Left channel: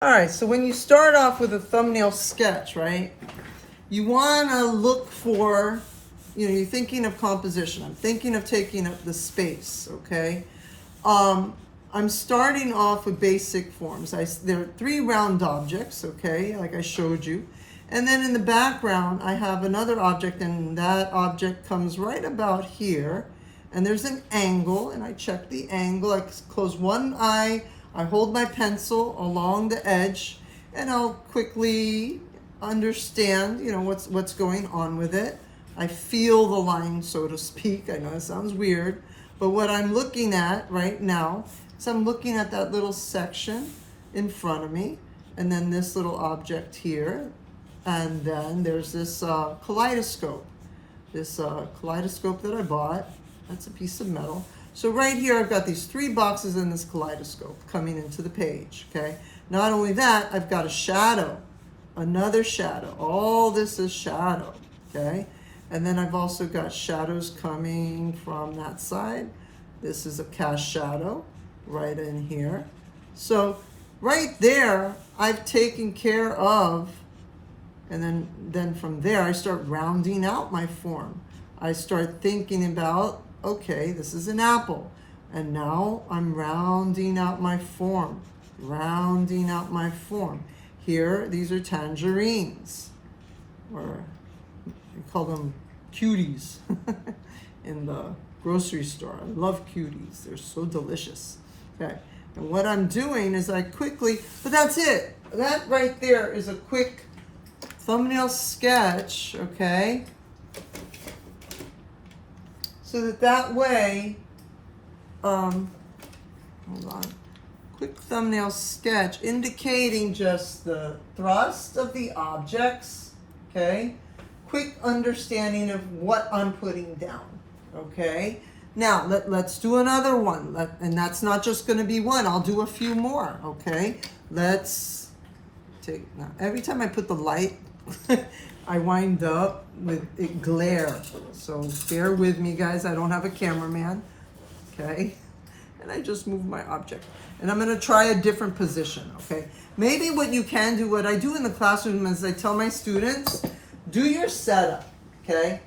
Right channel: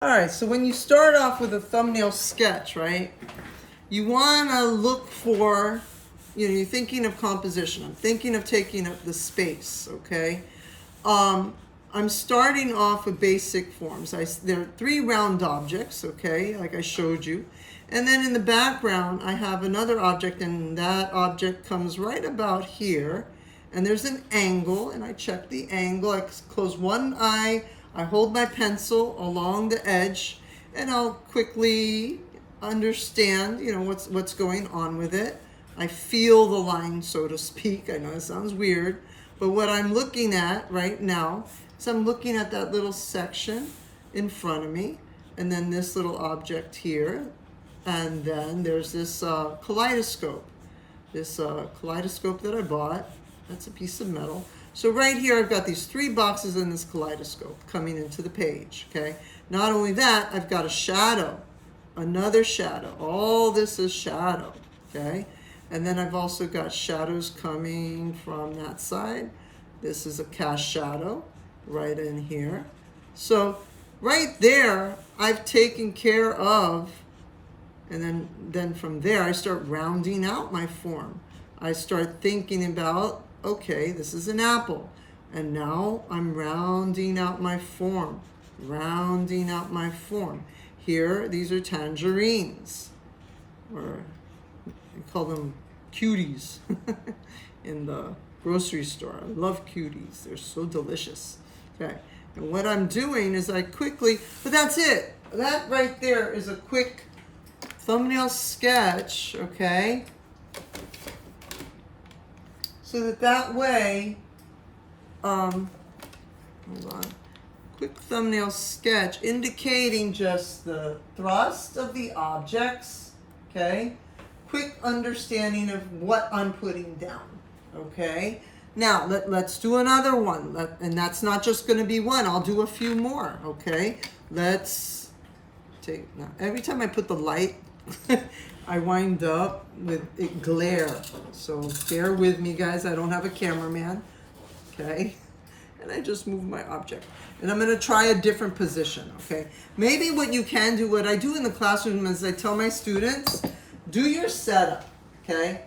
All right, so when you start off with a thumbnail sketch, right, you want to look for, you're thinking of composition. I'm thinking of taking up the space, okay? I'm starting off with basic forms. There are 3 round objects, okay, like I showed you. And then in the background, I have another object, and that object comes right about here. And there's an angle, and I check the angle. I close one eye, I hold my pencil along the edge, and I'll quickly understand, what's going on with it. I feel the line, so to speak. I know it sounds weird, but what I'm looking at right now is I'm looking at that little section in front of me, and then this little object here, and then there's this kaleidoscope. This kaleidoscope that I bought. That's a piece of metal. So right here, I've got these 3 boxes in this kaleidoscope coming into the page, okay? Not only that, I've got a shadow, another shadow. All this is shadow, okay? And then I've also got shadows coming from that side. This is a cast shadow right in here. So right there, I've taken care of, and then from there, I start rounding out my form. I start thinking about, okay, this is an apple. And now I'm rounding out my form, rounding out my form. Here, these are tangerines, or we call them cuties in the grocery store. I love cuties. They're so delicious. Okay, and what I'm doing is but that's it. That right there is a quick thumbnail sketch, okay? So that way, hold on, quick thumbnail sketch indicating just the thrust of the objects, okay? Quick understanding of what I'm putting down, okay? Now, let's do another one, and that's not just gonna be one, I'll do a few more, okay? Let's take, now every time I put the light, I wind up with it glare. So bear with me, guys. I don't have a cameraman. Okay? And I just move my object. And I'm going to try a different position. Okay? Maybe what you can do, what I do in the classroom is I tell my students, do your setup. Okay?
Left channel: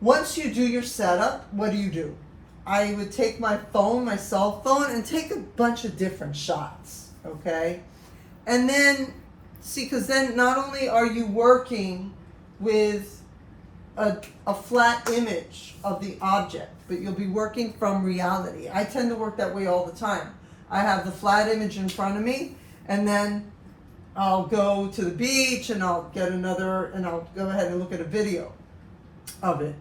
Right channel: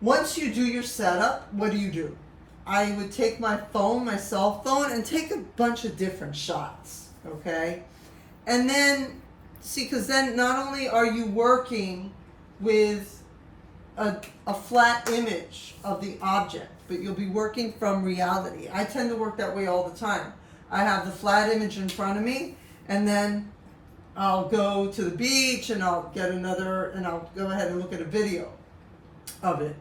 Once you do your setup, what do? I would take my phone, my cell phone, and take a bunch of different shots. Okay? And then see, because then not only are you working with a flat image of the object, but you'll be working from reality. I tend to work that way all the time. I have the flat image in front of me, and then I'll go to the beach, and I'll get another, and I'll go ahead and look at a video of it.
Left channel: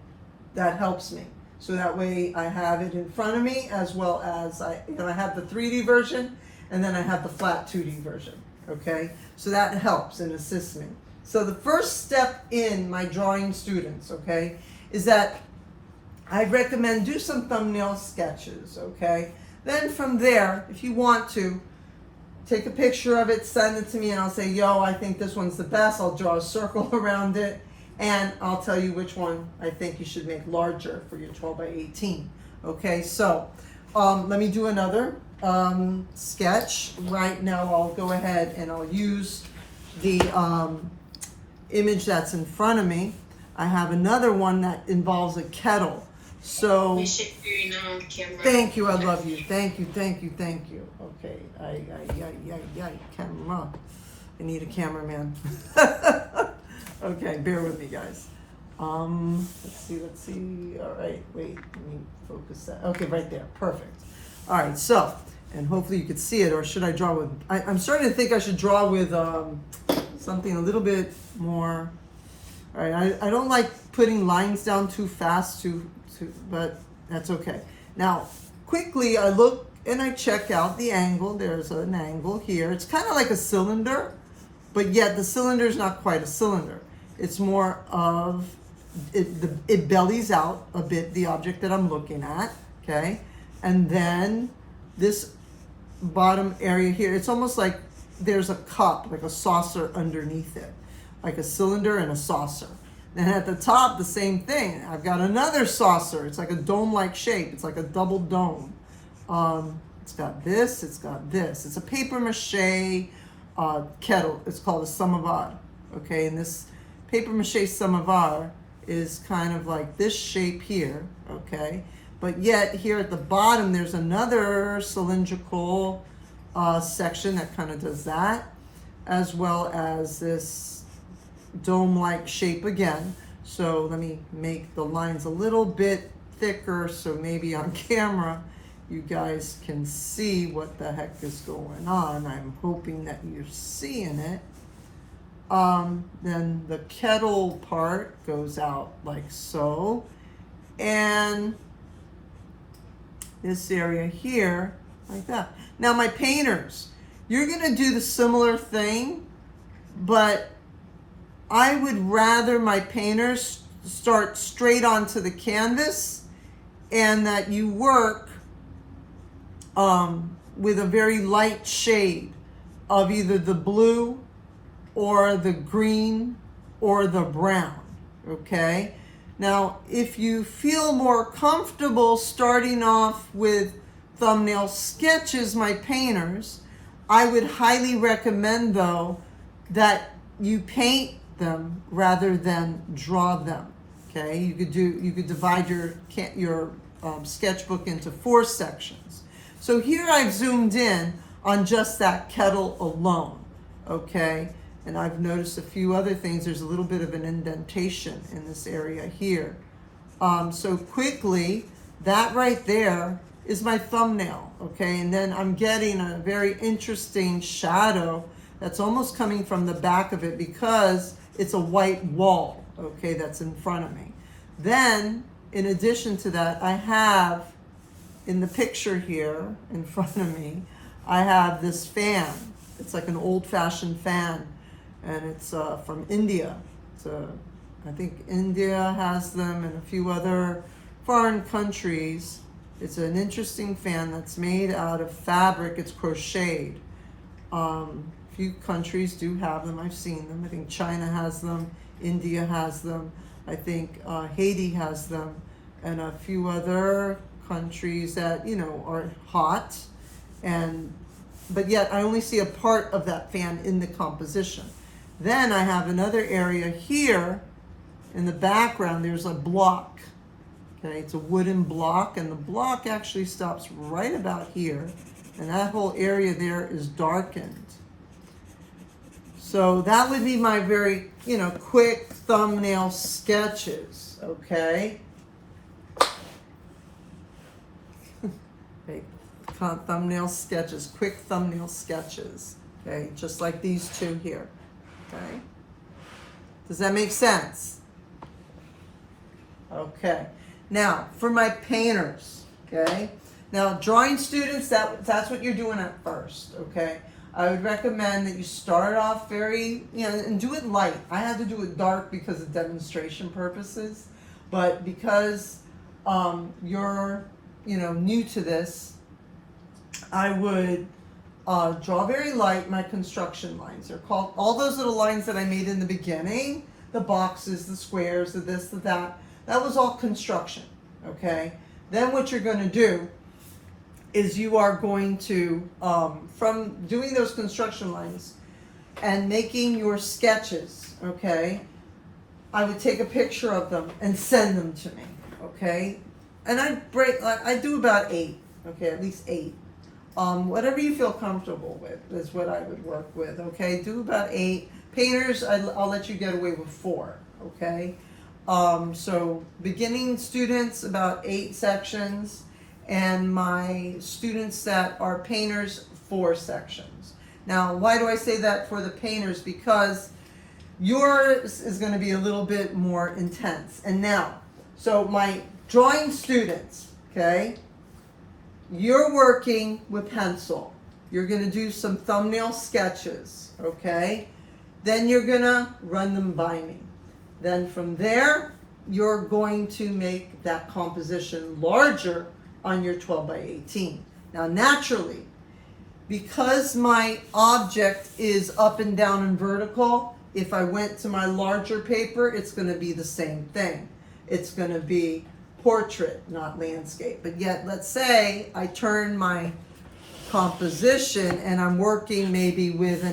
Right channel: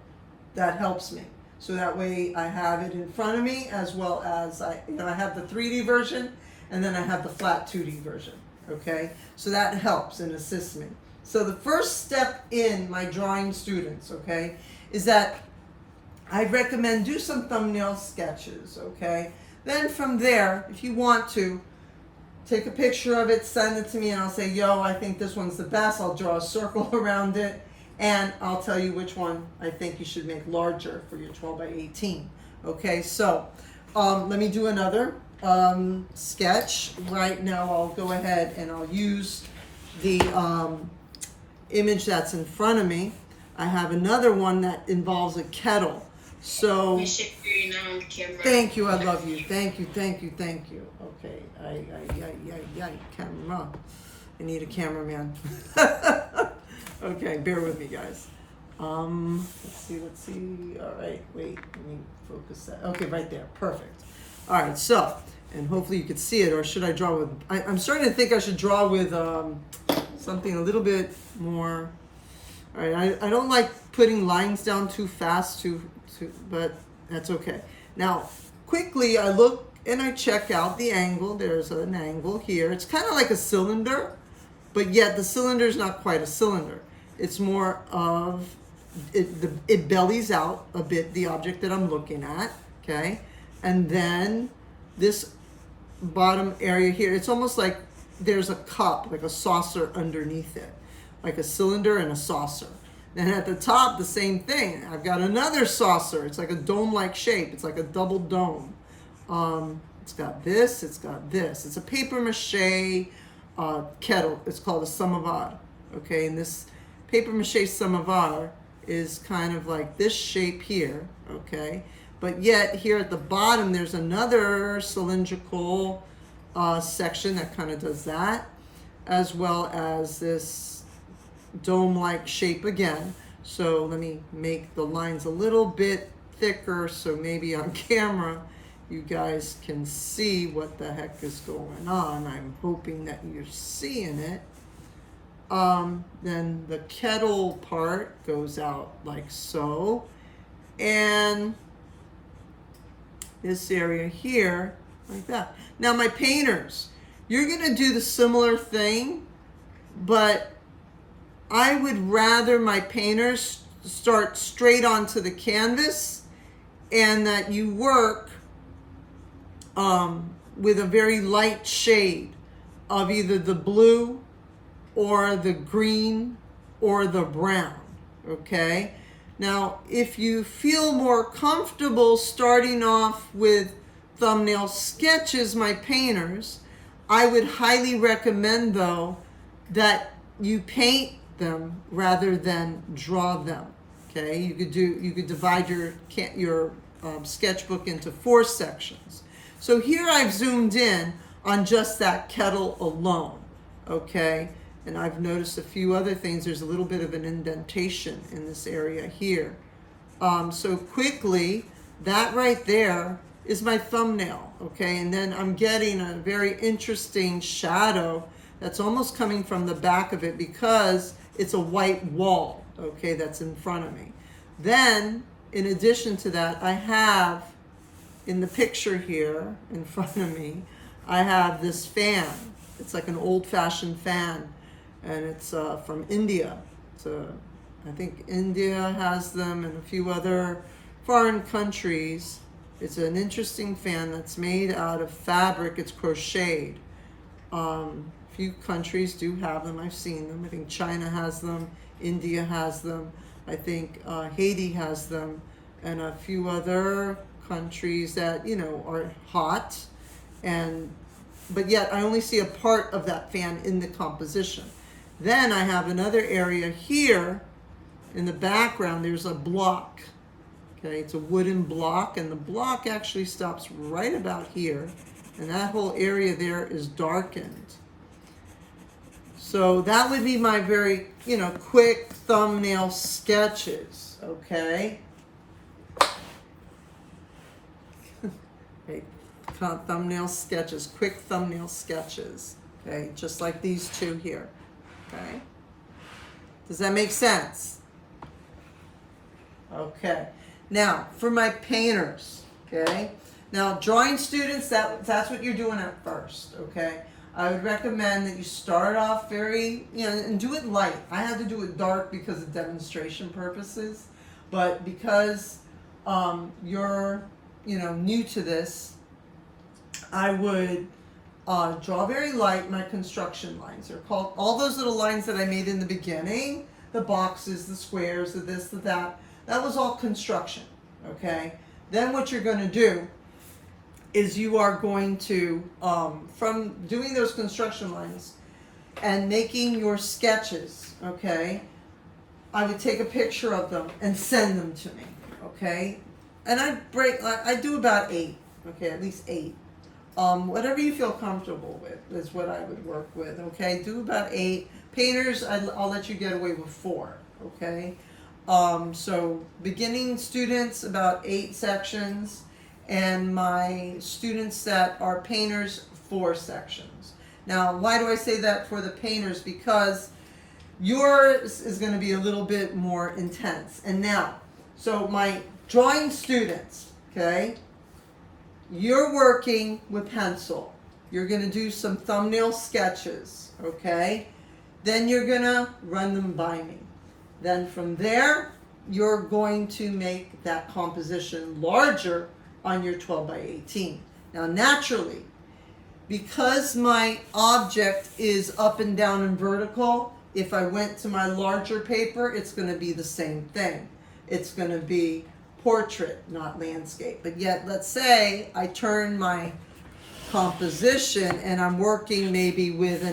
That helps me. So that way I have it in front of me, as well as I have the 3D version, and then I have the flat 2D version. Okay, so that helps and assists me. So the first step in my drawing students, okay, is that I recommend do some thumbnail sketches, okay? Then from there, if you want to, take a picture of it, send it to me, and I'll say, yo, I think this one's the best. I'll draw a circle around it, and I'll tell you which one I think you should make larger for your 12 by 18. Okay, so let me do another sketch. Right now I'll go ahead and I'll use the image that's in front of me. I have another one that involves a kettle. So thank you, I love you. Thank you. Okay, camera. I need a cameraman. Okay, bear with me, guys. Let's see. All right, wait, let me focus that. Okay, right there, perfect. All right, so, and hopefully you could see it, or should I draw with, I'm starting to think I should draw with something a little bit more, all right, I don't like putting lines down too fast, but that's okay. Now, quickly I look and I check out the angle. There's an angle here. It's kind of like a cylinder, but yet the cylinder is not quite a cylinder. It's more of, it bellies out a bit, the object that I'm looking at, okay? And then this bottom area here, it's almost like there's a cup, like a saucer underneath it, like a cylinder and a saucer. Then at the top, the same thing. I've got another saucer. It's like a dome-like shape. It's like a double dome. It's got this, it's got this. It's a paper mache kettle. It's called a samovar. Okay, and this paper mache samovar is kind of like this shape here. Okay, but yet here at the bottom there's another cylindrical section that kind of does that, as well as this dome-like shape again. So let me make the lines a little bit thicker so maybe on camera you guys can see what the heck is going on. I'm hoping that you're seeing it. Then the kettle part goes out like so, and this area here like that. Now my painters, you're gonna do the similar thing, but I would rather my painters start straight onto the canvas and that you work with a very light shade of either the blue or the green or the brown, okay? Now, if you feel more comfortable starting off with thumbnail sketches, my painters, I would highly recommend though that you paint them rather than draw them. Okay, you could divide your sketchbook into 4 sections. So here I've zoomed in on just that kettle alone. Okay, and I've noticed a few other things. There's a little bit of an indentation in this area here. So quickly, that right there is my thumbnail. Okay, and then I'm getting a very interesting shadow that's almost coming from the back of it because it's a white wall, okay, that's in front of me. Then, in addition to that, I have, in the picture here in front of me, I have this fan. It's like an old-fashioned fan, and it's from India. I think India has them and a few other foreign countries. It's an interesting fan that's made out of fabric. It's crocheted. Few countries do have them. I've seen them. I think China has them. India has them. I think Haiti has them, and a few other countries that are hot. But yet I only see a part of that fan in the composition. Then I have another area here in the background. There's a block. Okay, it's a wooden block, and the block actually stops right about here, and that whole area there is darkened. So that would be my very, quick thumbnail sketches, okay? Okay, thumbnail sketches, quick thumbnail sketches, okay? Just like these two here, okay? Does that make sense? Okay. Now, for my painters, okay? Now, drawing students, that's what you're doing at first, okay? I would recommend that you start off very, and do it light. I had to do it dark because of demonstration purposes, but because you're, new to this, I would draw very light. My construction lines, they're called, all those little lines that I made in the beginning, the boxes, the squares, the this, the that was all construction, okay? Then what you're going to do is you are going to, from doing those construction lines and making your sketches, okay, I would take a picture of them and send them to me, okay? And I do about 8, okay, at least 8. Whatever you feel comfortable with is what I would work with, okay? Do about 8. Painters, I'll let you get away with 4, okay? So beginning students, about 8 sections. And my students that are painters, 4 sections. Now, why do I say that for the painters? Because yours is going to be a little bit more intense. And now, so my drawing students, okay, you're working with pencil. You're going to do some thumbnail sketches, okay? Then you're going to run them by me. Then from there, you're going to make that composition larger on your 12 by 18. Now naturally, because my object is up and down and vertical, if I went to my larger paper, it's going to be the same thing. It's going to be portrait, not landscape. But yet, let's say I turn my composition and I'm working maybe with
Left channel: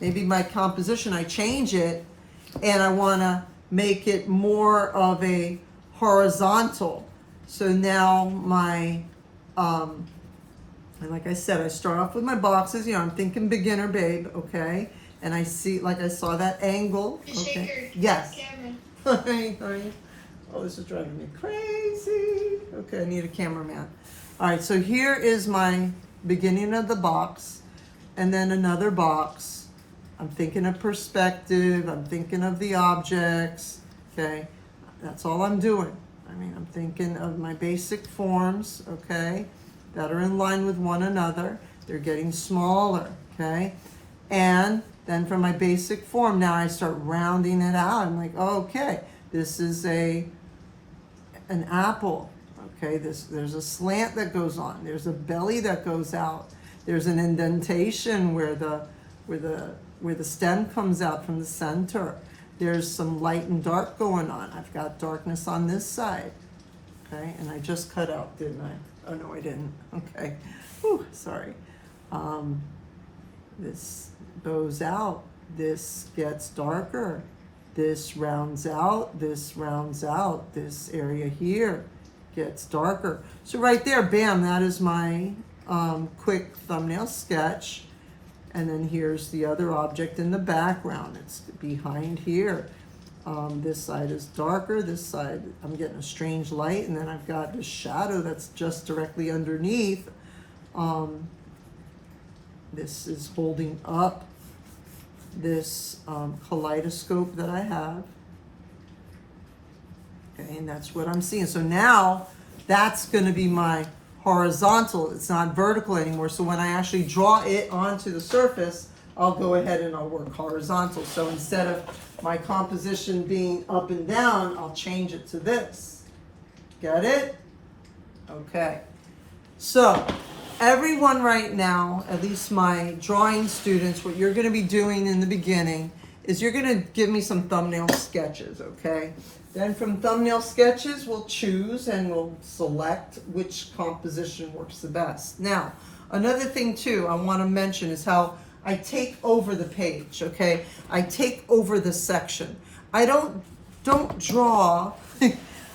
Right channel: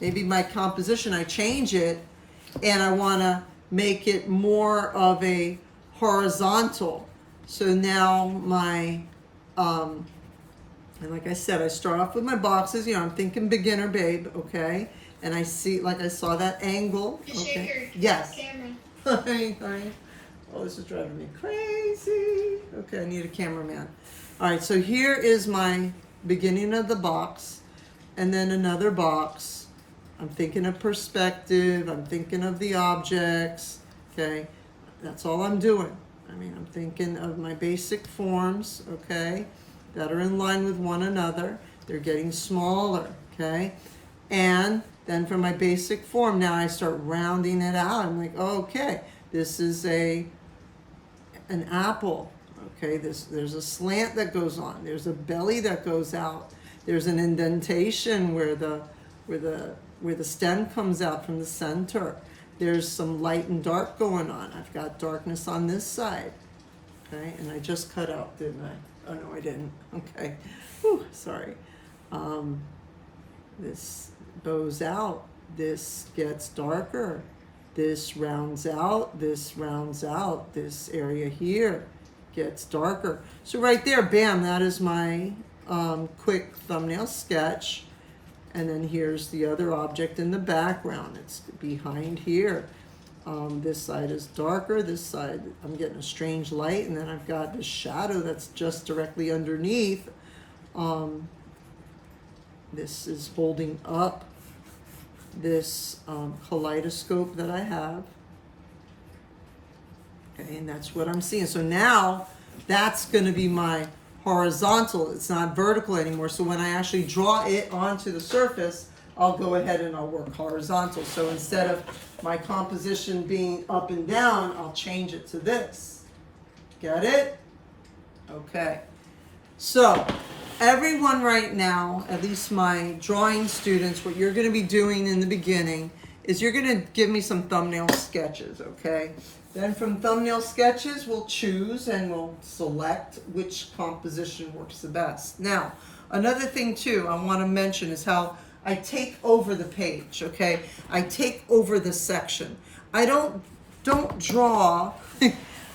maybe my composition, I change it and I want to make it more of a horizontal. So now my, and like I said, I start off with my boxes, I'm thinking beginner, babe, okay? And I see, like I saw that angle, okay? Yes. Honey. Oh, this is driving me crazy. Okay, I need a cameraman. All right, so here is my beginning of the box, and then another box. I'm thinking of perspective, I'm thinking of the objects, okay? That's all I'm doing. I mean, I'm thinking of my basic forms, okay, that are in line with one another. They're getting smaller, okay? And then for my basic form, now I start rounding it out. I'm like, oh, okay, this is an apple. Okay, there's a slant that goes on. There's a belly that goes out. There's an indentation where the stem comes out from the center. There's some light and dark going on. I've got darkness on this side. Okay, and I just cut out, didn't I? Oh no, I didn't. Okay, whew, sorry. This bows out. This gets darker. This rounds out. This rounds out. This area here gets darker. So right there, bam, that is my quick thumbnail sketch. And then here's the other object in the background. It's behind here. This side is darker. This side, I'm getting a strange light. And then I've got this shadow that's just directly underneath. This is holding up this kaleidoscope that I have. Okay, and that's what I'm seeing. So now that's going to be my horizontal. It's not vertical anymore. So when I actually draw it onto the surface, I'll go ahead and I'll work horizontal. So instead of my composition being up and down, I'll change it to this. Get it? Okay. So everyone right now, at least my drawing students, what you're going to be doing in the beginning is you're going to give me some thumbnail sketches, okay? Then from thumbnail sketches, we'll choose and we'll select which composition works the best. Now, another thing too I want to mention is how I take over the page, okay? I take over the section. I don't draw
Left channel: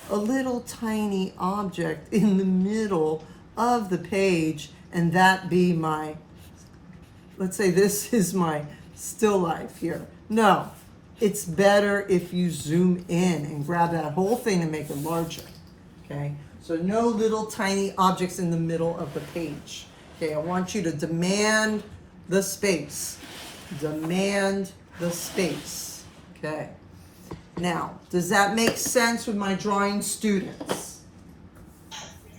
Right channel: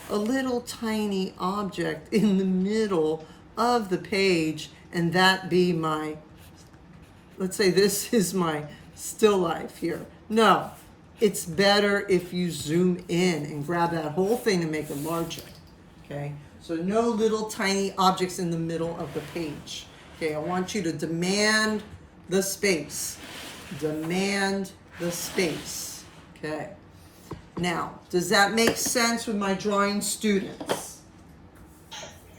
a little tiny object in the middle of the page and that be my, let's say this is my still life here. No, it's better if you zoom in and grab that whole thing and make it larger, okay? So no little tiny objects in the middle of the page, okay? I want you to demand the space. Demand the space, okay? Now, does that make sense with my drawing students?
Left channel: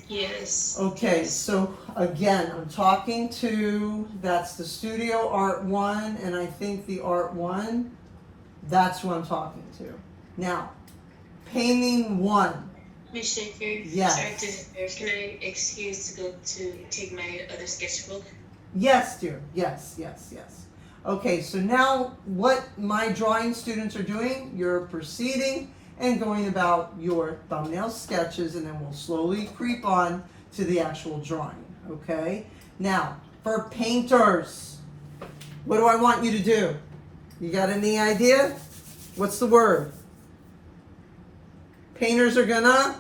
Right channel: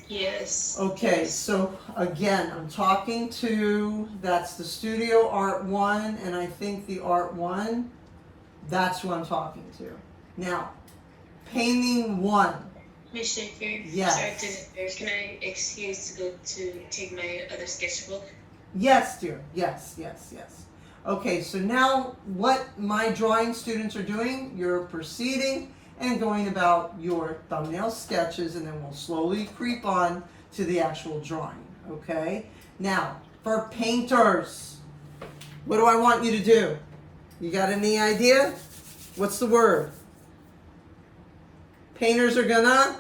Yes. Okay, yes. so again, I'm talking to, that's the Studio Art 1, and I think the Art 1, that's who I'm talking to. Now, painting 1. Miss Shaker, Yes. sorry to interrupt. Can I excuse to go to take my other sketchbook? Yes, dear, yes. Okay, so now what my drawing students are doing, you're proceeding and going about your thumbnail sketches, and then we'll slowly creep on to the actual drawing, okay? Now, for painters, what do I want you to do? You got any idea? What's the word? Painters are gonna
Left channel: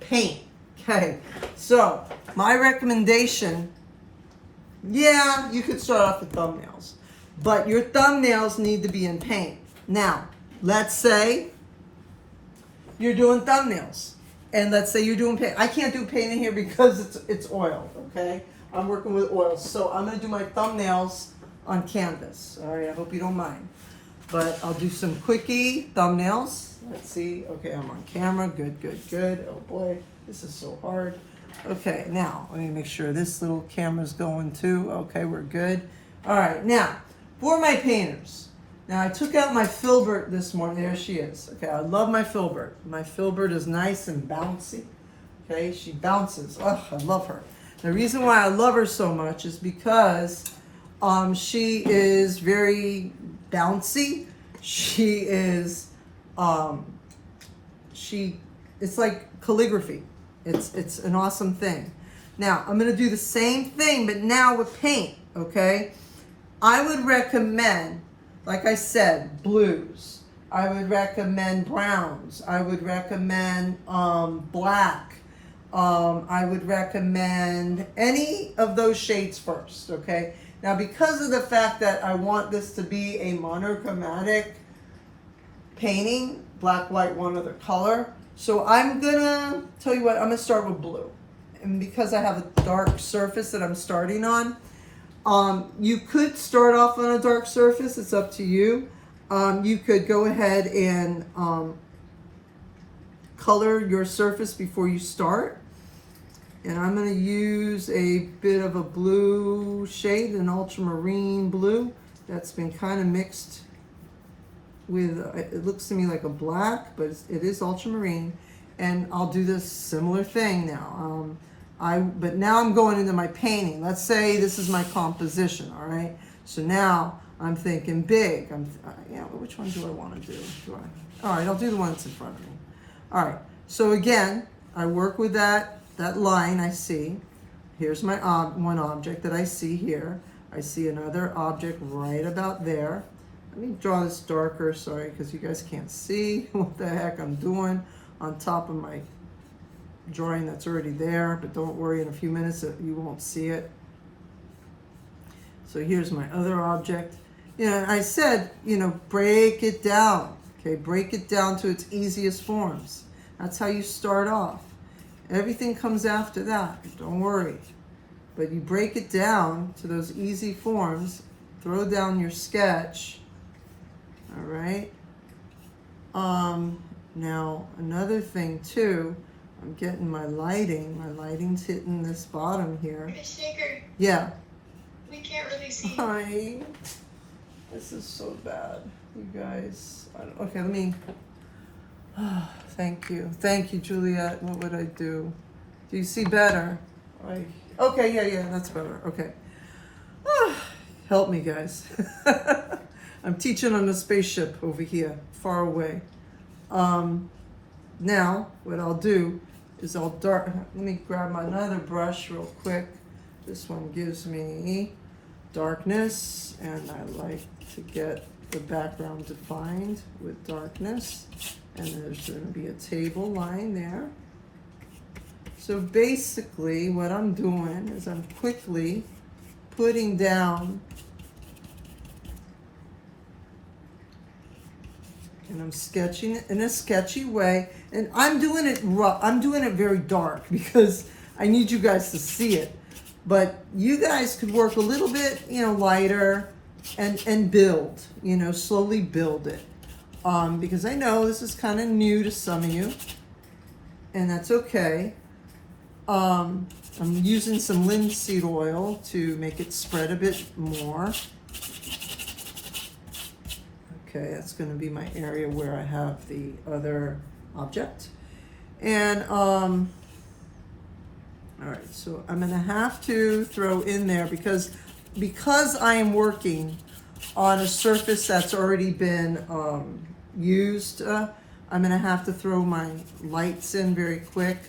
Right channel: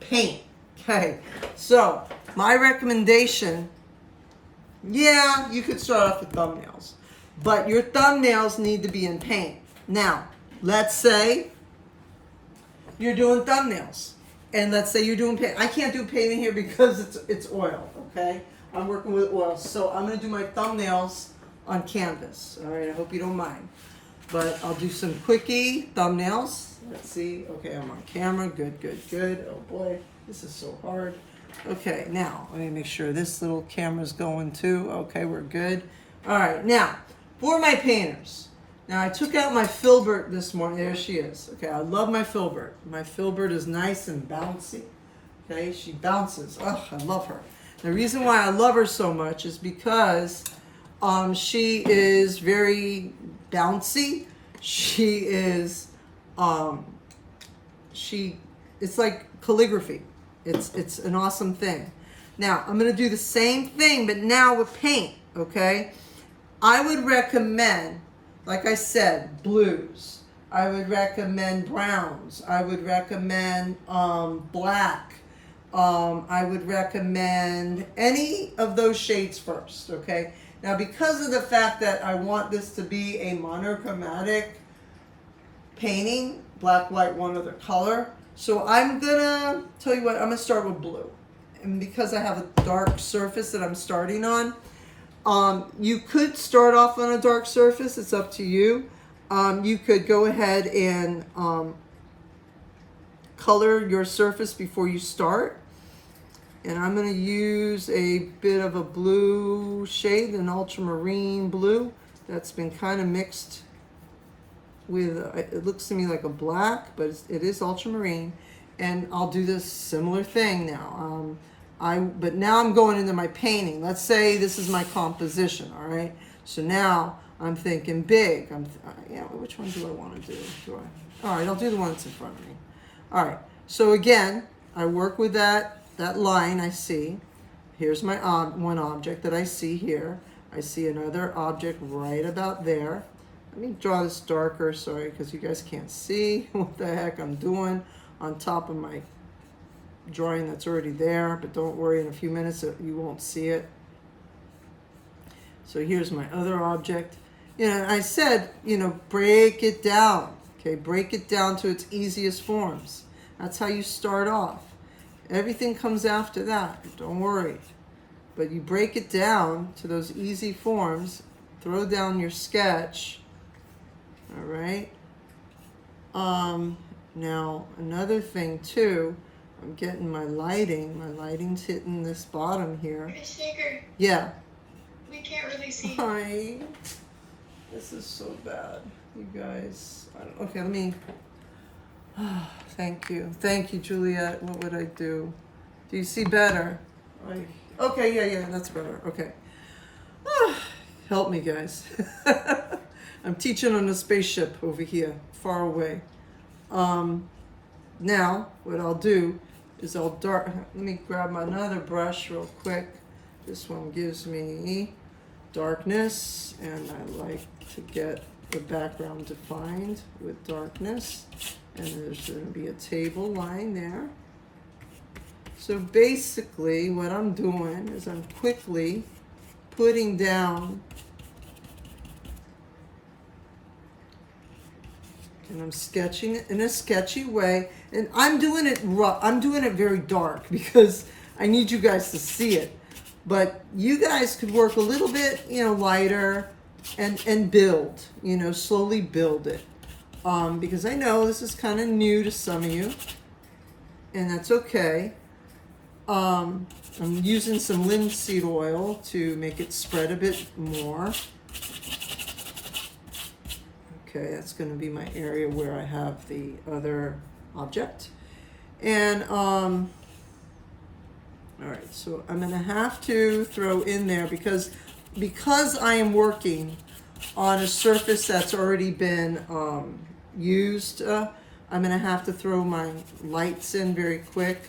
paint. Okay, so my recommendation, yeah, you could start off with thumbnails, but your thumbnails need to be in paint. Now, let's say you're doing thumbnails, and let's say you're doing paint. I can't do painting here because it's oil, okay? I'm working with oil, so I'm gonna do my thumbnails on canvas. All right, I hope you don't mind. But I'll do some quickie thumbnails. Let's see. Okay, I'm on camera. Good. Oh boy, this is so hard. Okay, now let me make sure this little camera's going too. Okay, we're good. All right, now for my painters. Now I took out my filbert this morning. There she is. Okay, I love my filbert. My filbert is nice and bouncy. Okay, she bounces. Oh, I love her. The reason why I love her so much is because she is very bouncy. She is, it's like calligraphy. It's an awesome thing. Now, I'm going to do the same thing, but now with paint, okay? I would recommend, like I said, blues. I would recommend browns. I would recommend black. I would recommend any of those shades first, okay? Now, because of the fact that I want this to be a monochromatic painting, black, white, one other color, so I'm gonna tell you what, I'm gonna start with blue. And because I have a dark surface that I'm starting on, you could start off on a dark surface, it's up to you. You could go ahead and color your surface before you start. And I'm going to use a bit of a blue shade, an ultramarine blue that's been kind of mixed with, it looks to me like a black, but it is ultramarine. And I'll do this similar thing now. But now I'm going into my painting. Let's say this is my composition, all right? So now I'm thinking big. Yeah, which one do I want to do? All right, I'll do the one that's in front of me. All right, so again, I work with that line I see. Here's my one object that I see here. I see another object right about there. Let me draw this darker, sorry, because you guys can't see what the heck I'm doing on top of my drawing that's already there, but don't worry, in a few minutes you won't see it. So here's my other object. You know, I said, you know, break it down, okay? Break it down to its easiest forms. That's how you start off. Everything comes after that, don't worry. But you break it down to those easy forms, throw down your sketch, all right? Now, another thing too, I'm getting my lighting. My lighting's hitting this bottom here. British Shaker, Yeah. we can't really see. Hi. This is so bad, you guys. Okay, let me. Thank you, Juliet. What would I do? Do you see better? Okay, yeah, that's better. Okay. Help me, guys. I'm teaching on a spaceship over here, far away. Now, what I'll do is I'll dark. Let me grab another brush real quick. This one gives me darkness, and I like to get the background defined with darkness. And there's going to be a table line there. So basically, what I'm doing is I'm quickly putting down, and I'm sketching it in a sketchy way, and I'm doing it rough. I'm doing it very dark because I need you guys to see it. But you guys could work a little bit, you know, lighter and build, you know, slowly build it. Because I know this is kind of new to some of you, and that's okay. I'm using some linseed oil to make it spread a bit more. Okay, that's going to be my area where I have the other object. And, all right, so I'm going to have to throw in there because I am working on a surface that's already been used, I'm going to have to throw my lights in very quick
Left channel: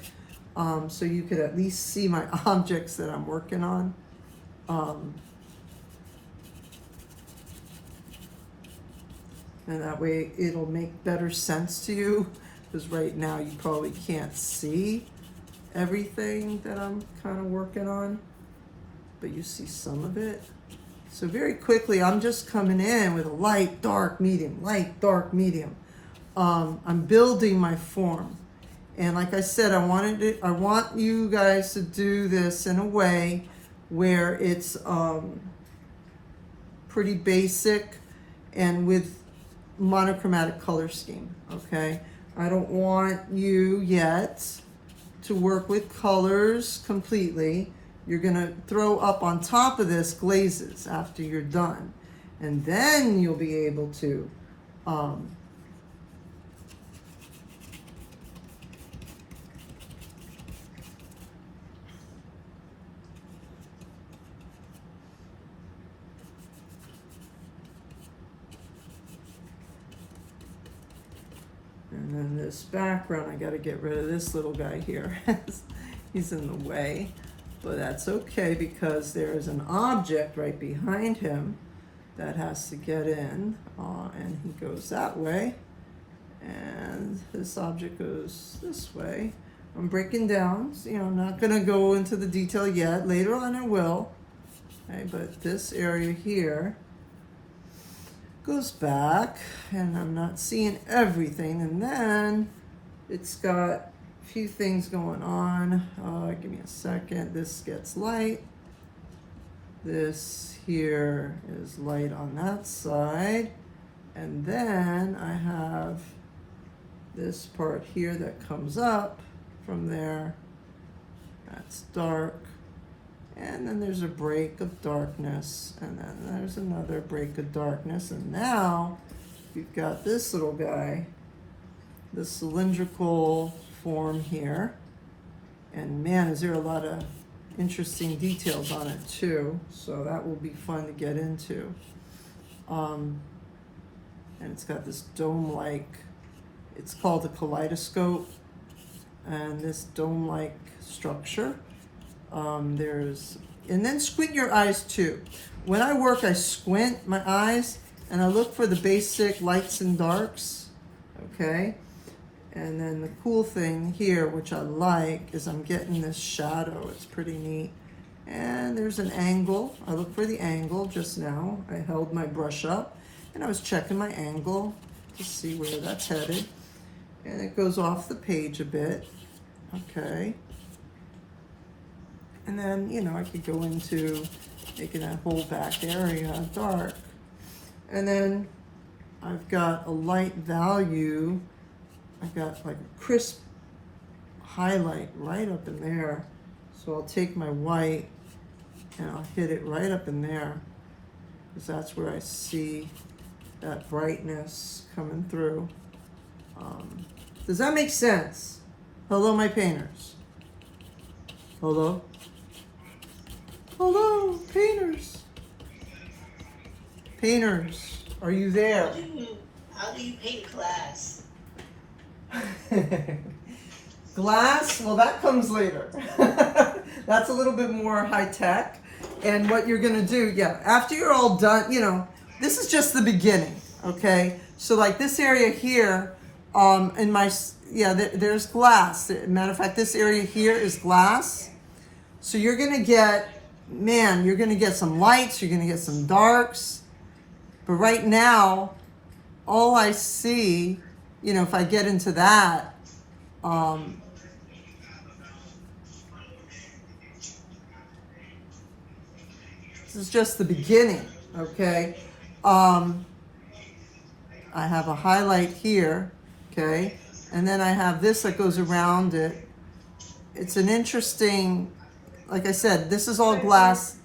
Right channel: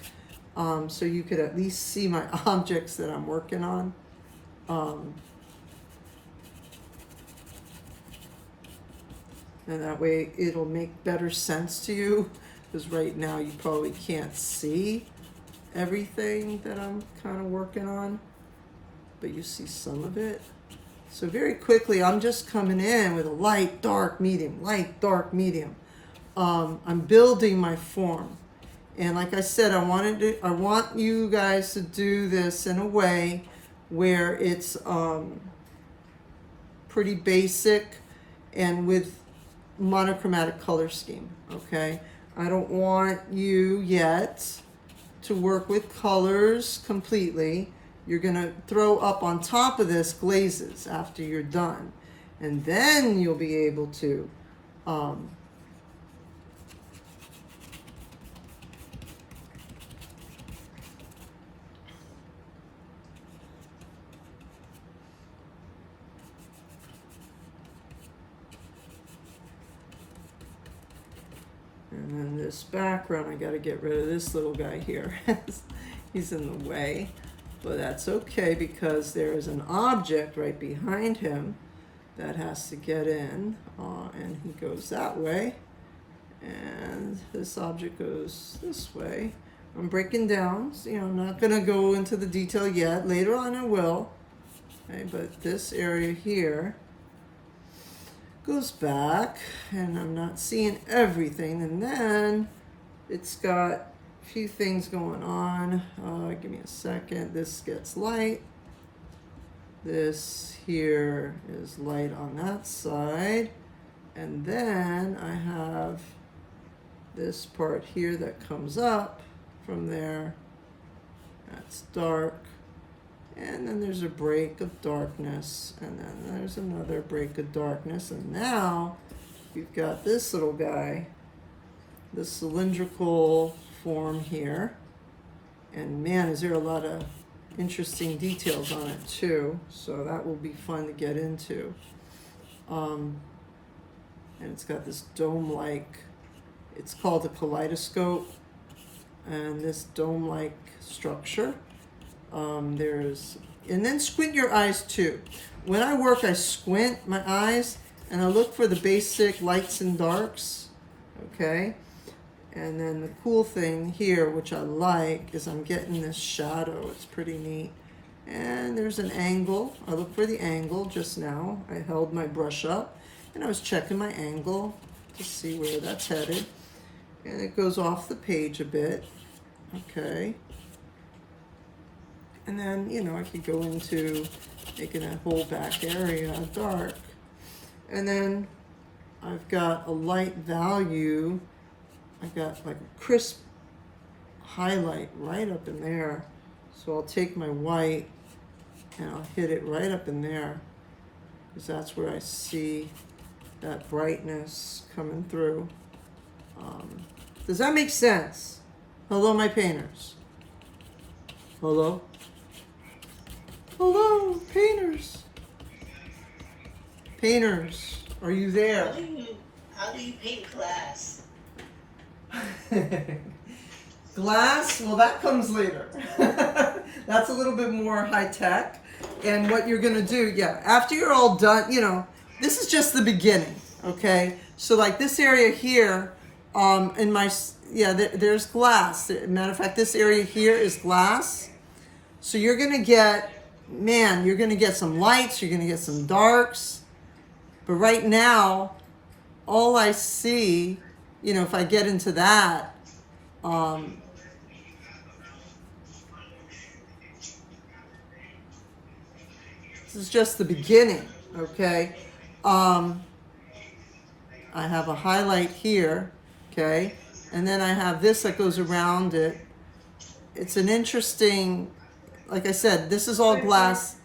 so you could at least see my objects that I'm working on. And that way it'll make better sense to you, because right now you probably can't see everything that I'm kind of working on, but you see some of it. So very quickly, I'm just coming in with a light, dark, medium, light, dark, medium. I'm building my form. And like I said, I want you guys to do this in a way where it's pretty basic and with monochromatic color scheme, okay? I don't want you yet to work with colors completely. You're gonna throw up on top of this glazes after you're done. And then you'll be able to and then this background, I gotta get rid of this little guy here. He's in the way. But that's okay because there is an object right behind him that has to get in, and he goes that way, and this object goes this way. I'm breaking down, so, I'm not going to go into the detail yet. Later on I will. Okay, but this area here goes back, and I'm not seeing everything. And then it's got a few things going on. Give me a second. This gets light. This here is light on that side. And then I have this part here that comes up from there. That's dark. And then there's a break of darkness, and then there's another break of darkness, and now you've got this little guy, this cylindrical form here, and man, is there a lot of interesting details on it too, so that will be fun to get into. And it's got this dome-like, it's called a kaleidoscope, and this dome-like structure. And then squint your eyes too. When I work, I squint my eyes and I look for the basic lights and darks, okay? And then the cool thing here, which I like, is I'm getting this shadow. It's pretty neat. And there's an angle. I look for the angle just now. I held my brush up and I was checking my angle to see where that's headed. And it goes off the page a bit, okay? And then, I could go into making that whole back area dark. And then I've got a light value. I've got like a crisp highlight right up in there. So I'll take my white and I'll hit it right up in there, because that's where I see that brightness coming through. Does that make sense? Hello, my painters. Hello? Hello, painters. Painters, are you there? How do you paint glass? Glass, well, that comes later. That's a little bit more high tech. And what you're gonna do, after you're all done, this is just the beginning, okay? So like this area here, there's glass. Matter of fact, this area here is glass. So you're gonna get, you're gonna get some lights, you're gonna get some darks. But right now, all I see, if I get into that, this is just the beginning, okay? I have a highlight here, okay? And then I have this that goes around it. It's an interesting, like I said, this is all glass.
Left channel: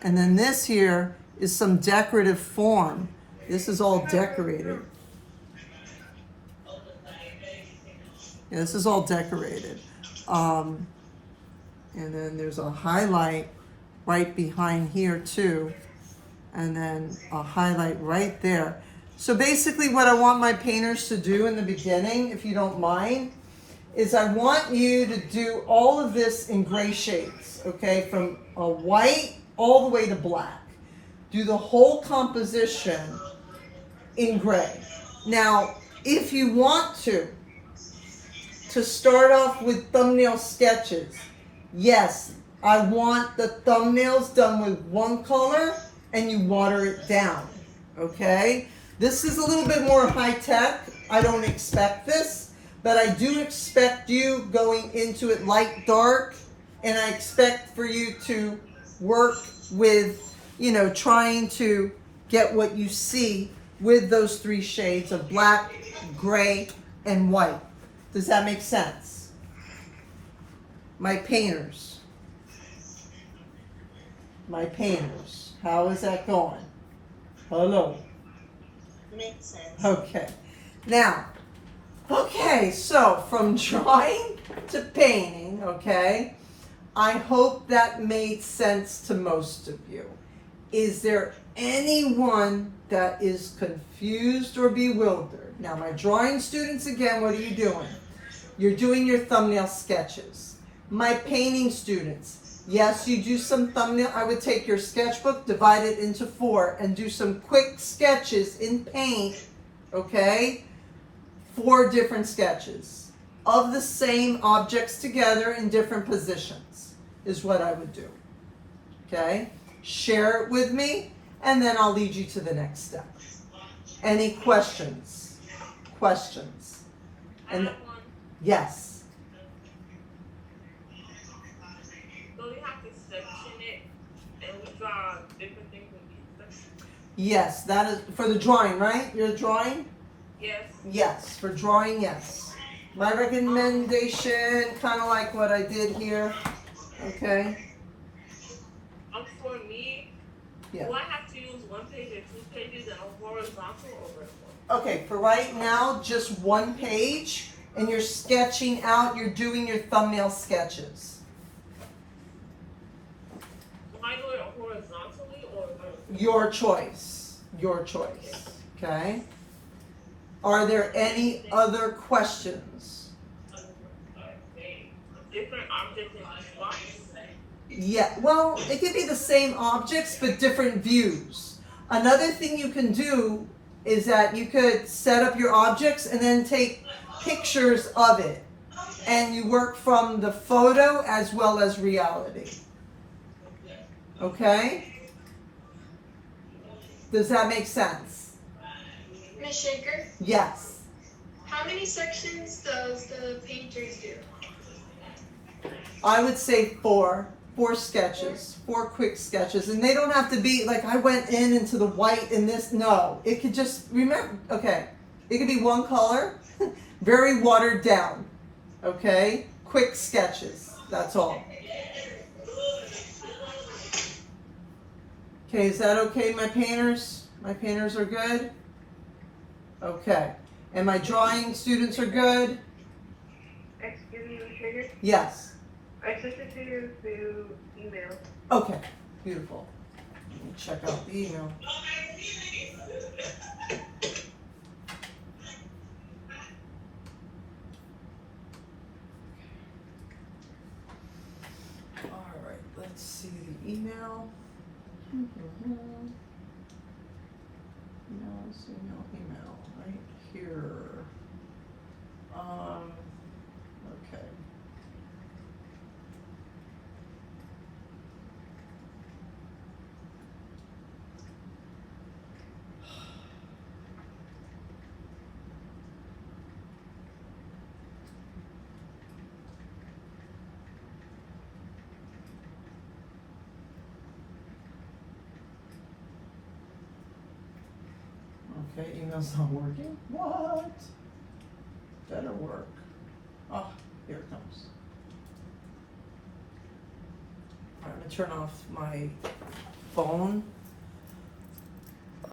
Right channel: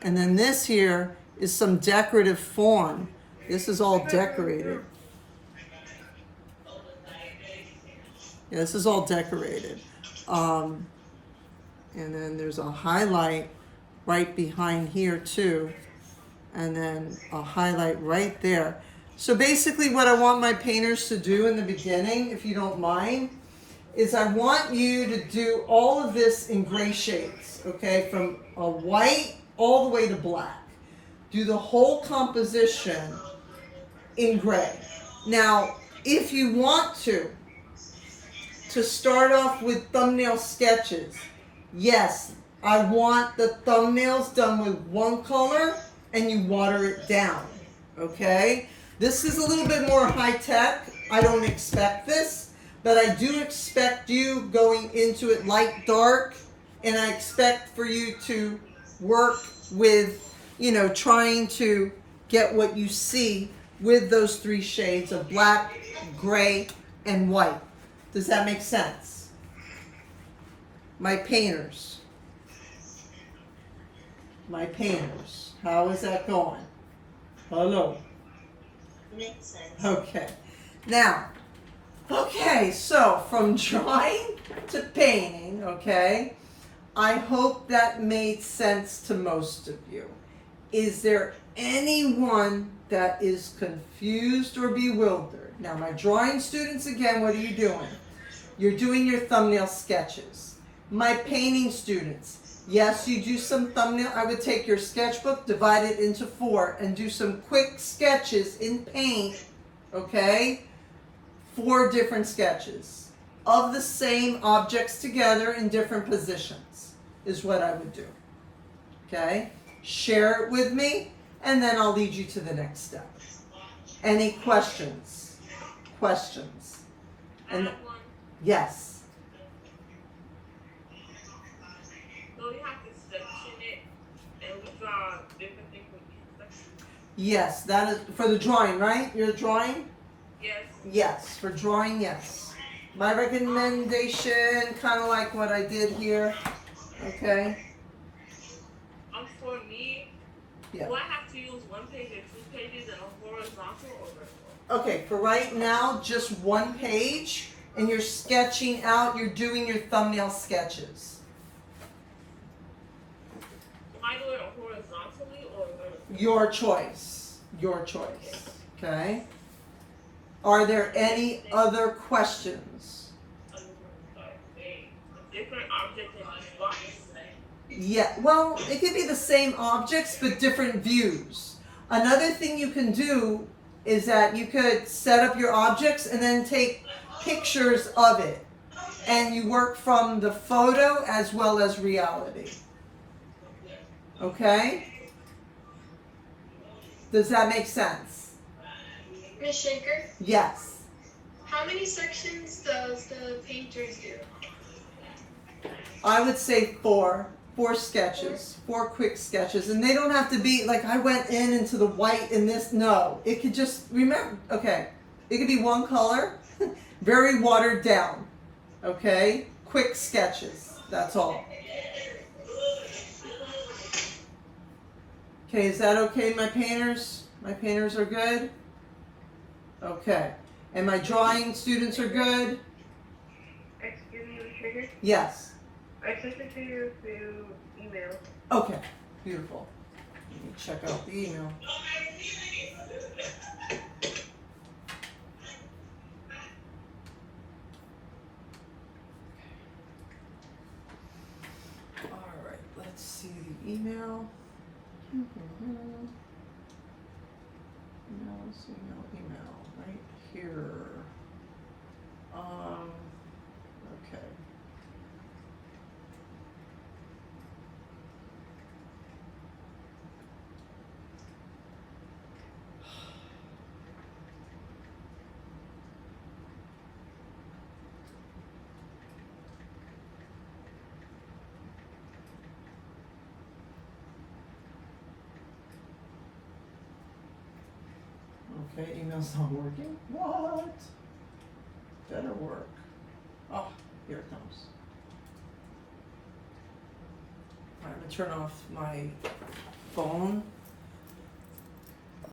And then this here is some decorative form. This is all decorated. Yeah, this is all decorated. And then there's a highlight right behind here too. And then a highlight right there. So basically what I want my painters to do in the beginning, if you don't mind, is I want you to do all of this in gray shades, okay? From a white all the way to black. Do the whole composition in gray. Now, if you want to start off with thumbnail sketches, yes, I want the thumbnails done with one color and you water it down, okay? This is a little bit more high tech. I don't expect this, but I do expect you going into it light, dark, and I expect for you to work with, trying to get what you see with those three shades of black, gray, and white. Does that make sense? My painters. How is that going? Hello. Makes sense. Okay. Now, so from drawing to painting, okay, I hope that made sense to most of you. Is there anyone that is confused or bewildered? Now, my drawing students, again, what are you doing? You're doing your thumbnail sketches. My painting students, Yes, you do some thumbnail. I would take your sketchbook, divide it into 4, and do some quick sketches in paint, okay? 4 different sketches of the same objects together in different positions is what I would do, okay? Share it with me, and then I'll lead you to the next step. Any questions? Questions? I And have one. yes. So we have to section it and we draw different things with each section. Yes, that is for the drawing, right? Your drawing? Yes. Yes, for drawing, yes. My recommendation, kind of like what I did here, okay? For me, Yeah. do I have to use 1 page or 2 pages and a horizontal or vertical? Okay, for right now, just 1 page, and you're sketching out, you're doing your thumbnail sketches. Am I doing it horizontally or vertically? Your choice, okay? Are there any other questions? A different object in each box. Yeah, well, it could be the same objects, but different views. Another thing you can do is that you could set up your objects and then take pictures of it. And you work from the photo as well as reality. Okay? Does that make sense? Ms. Shaker, Yes. how many sections does the painters do? I would say 4 sketches, 4 quick sketches, and they don't have to be like I went into the white in this. No, it could just remember. Okay, it could be 1 color, very watered down. Okay, quick sketches. That's all. Okay, is that okay, my painters? My painters are good. Okay, and my drawing students are good. Excuse me, Ms. Trader. Yes. I sent it to you through email. Okay, beautiful. Let me check out the email. All right, let's see the email. Email, right here. Okay. Okay, email's not working. What? Better work. Oh, here it comes. All right, I'm gonna turn off my phone